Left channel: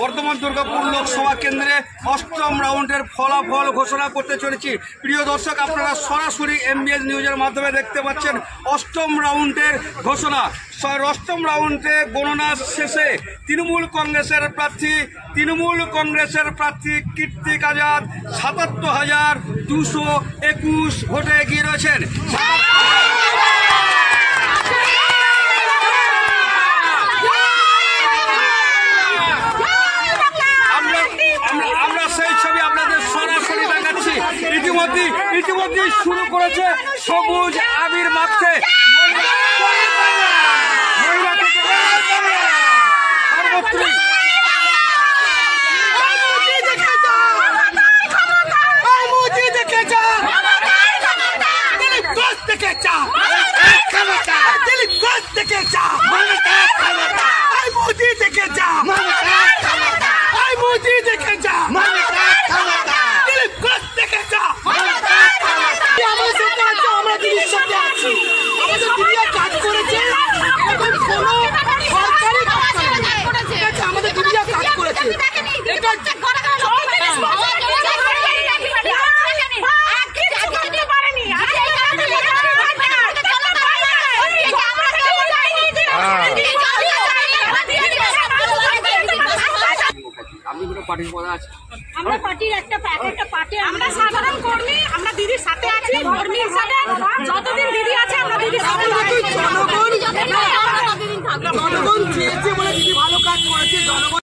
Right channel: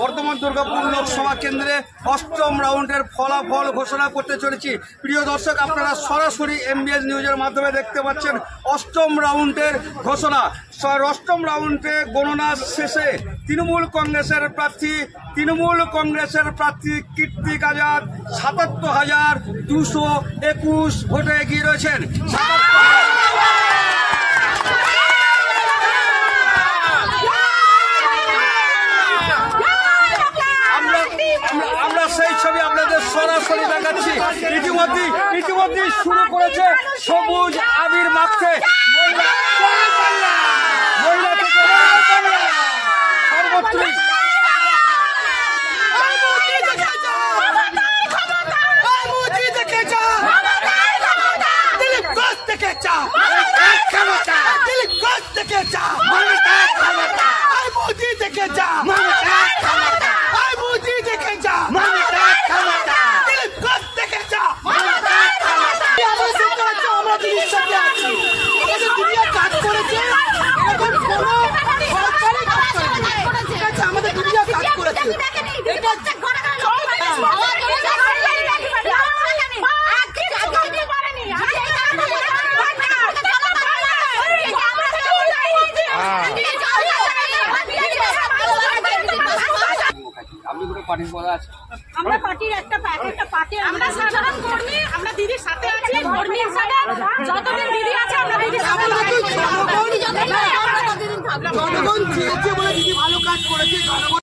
বর্ধমান দুর্গাপুর লোকসভা কেন্দ্রে ৮ম রাউন্ডের ফলাফল ঘোষণা করতে চলেছি। প্রিয় দর্শক, আপনারা সরাসরি MBS নিউজের মাধ্যমে দেখতে পাচ্ছেন ৮ম রাউন্ডের ঘোষণা। ৮ম রাউন্ডে গণনা শেষে তৃণমূল কংগ্রেসের প্রার্থী কীর্তিক আজাদ ৭৭,২২১ ভোটে এগিয়ে রয়েছেন। আমরা সেই ছবি আপনাদের সরাসরি দেখাচ্ছি। ইতিমধ্যেই শুরু করেছে সবুজ আবির মাখতে সর্বত্রই। কাজ করেছে এরকম কোন সরকারি কাজ করেছে, আমাদের দুনিয়া কাজ করেছে। আমরা পার্টির একটা পার্টি, আমরা সাধারণ কর্মী, আমরা দিদির সাথে আছি কর্মী হিসাবে। যতদিন দিদি আছে আমরা দিদির সাথে। জনগণ চেয়েছে বলে দিদি ভালো কাজ করেছে। জনগণ